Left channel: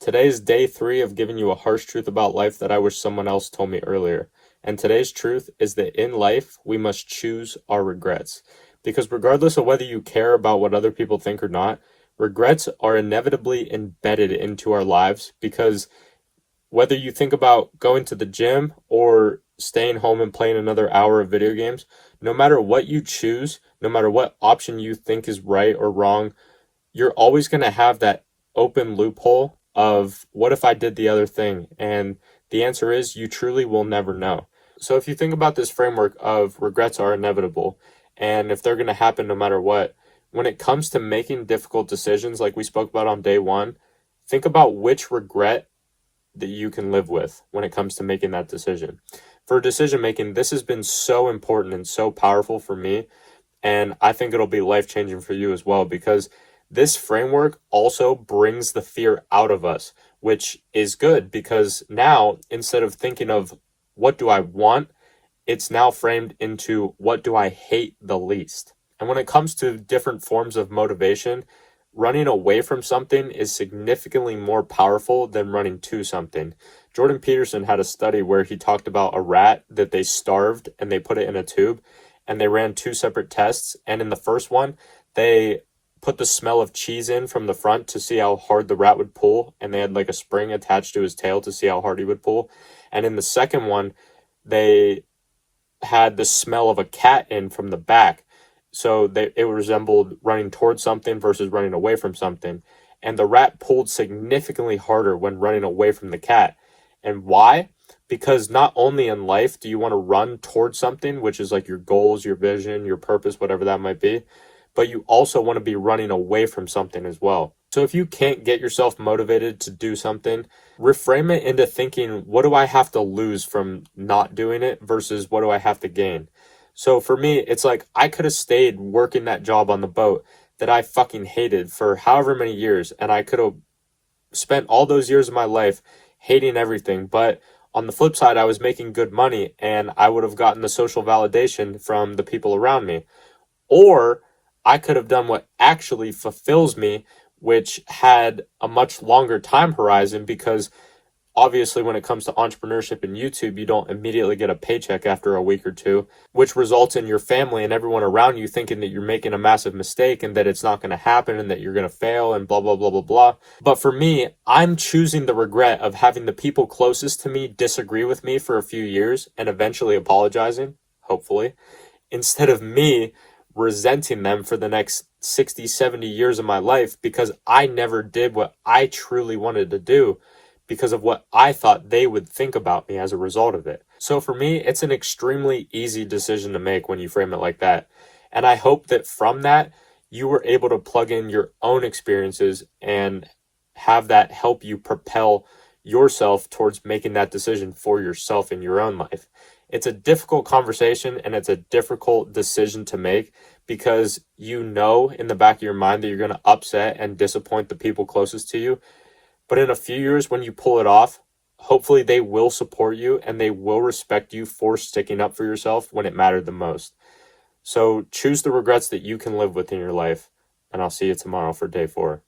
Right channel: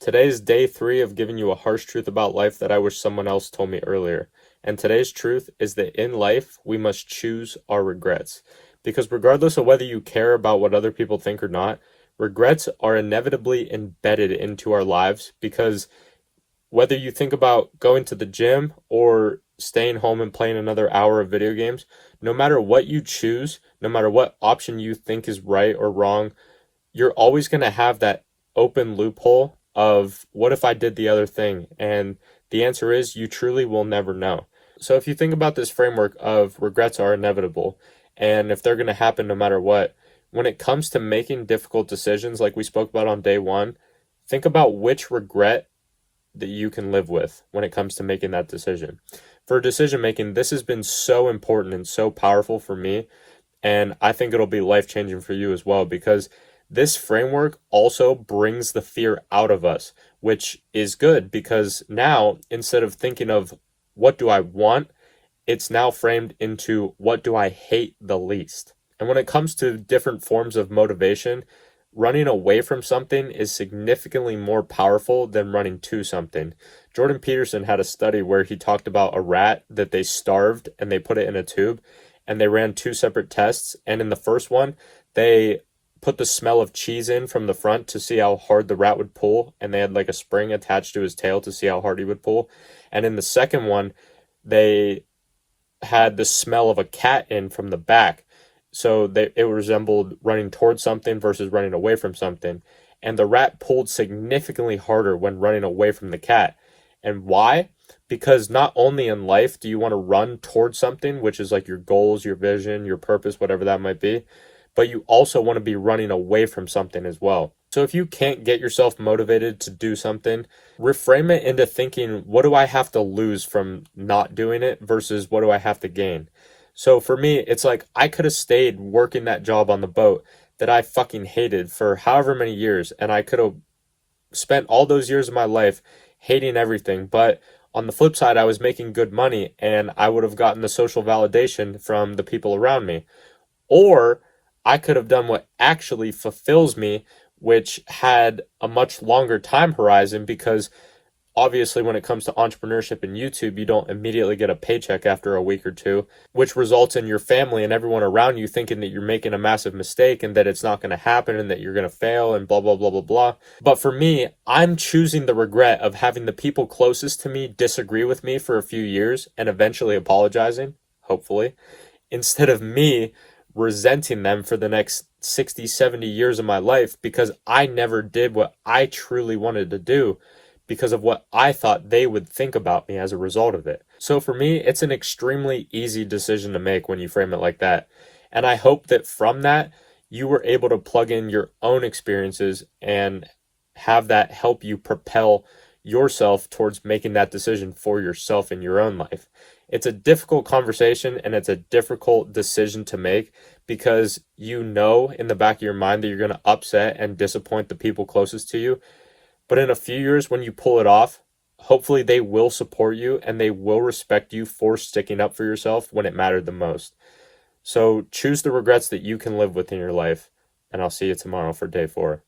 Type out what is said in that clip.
Today is day 3 of giving you a harsh truth about life that I wish someone else told me earlier. And today's truth is that in life, we must choose our regrets. Because regardless of whether you care about what other people think or not, regrets are inevitably embedded into our lives because whether you think about going to the gym or staying home and playing another hour of video games, no matter what you choose, no matter what option you think is right or wrong, you're always going to have that open loophole of what if I did the other thing? And the answer is you truly will never know. So if you think about this framework of regrets are inevitable and if they're going to happen no matter what, when it comes to making difficult decisions like we spoke about on day 1, think about which regret that you can live with when it comes to making that decision. For decision making, this has been so important and so powerful for me, and I think it'll be life changing for you as well because this framework also brings the fear out of us, which is good because now instead of thinking of what do I want, it's now framed into what do I hate the least. And when it comes to different forms of motivation, running away from something is significantly more powerful than running to something. Jordan Peterson had a study where he talked about a rat that they starved and they put it in a tube and they ran 2 separate tests. And in the first one, they put the smell of cheese in from the front to see how hard the rat would pull. And they had like a spring attached to his tail to see how hard he would pull. And in the second one, they had the smell of a cat in from the back. So it resembled running towards something versus running away from something. And the rat pulled significantly harder when running away from the cat. And why? Because not only in life do you want to run towards something, which is like your goals, your vision, your purpose, whatever that might be, but you also want to be running away from something as well. So if you can't get yourself motivated to do something, reframe it into thinking, what do I have to lose from not doing it versus what do I have to gain? So for me, it's like I could have stayed working that job on the boat that I fucking hated for however many years, and I could have spent all those years of my life hating everything. But on the flip side, I was making good money and I would have gotten the social validation from the people around me. Or I could have done what actually fulfills me, which had a much longer time horizon because obviously when it comes to entrepreneurship and YouTube, you don't immediately get a paycheck after a week or two, which results in your family and everyone around you thinking that you're making a massive mistake and that it's not going to happen and that you're going to fail and blah, blah, blah, blah, blah. But for me, I'm choosing the regret of having the people closest to me disagree with me for a few years and eventually apologizing, hopefully, instead of me resenting them for the next 60, 70 years of my life because I never did what I truly wanted to do because of what I thought they would think about me as a result of it. So for me, it's an extremely easy decision to make when you frame it like that. And I hope that from that, you were able to plug in your own experiences and have that help you propel yourself towards making that decision for yourself in your own life. It's a difficult conversation and it's a difficult decision to make because you know in the back of your mind that you're going to upset and disappoint the people closest to you. But in a few years, when you pull it off, hopefully they will support you and they will respect you for sticking up for yourself when it mattered the most. So choose the regrets that you can live with in your life, and I'll see you tomorrow for day 4.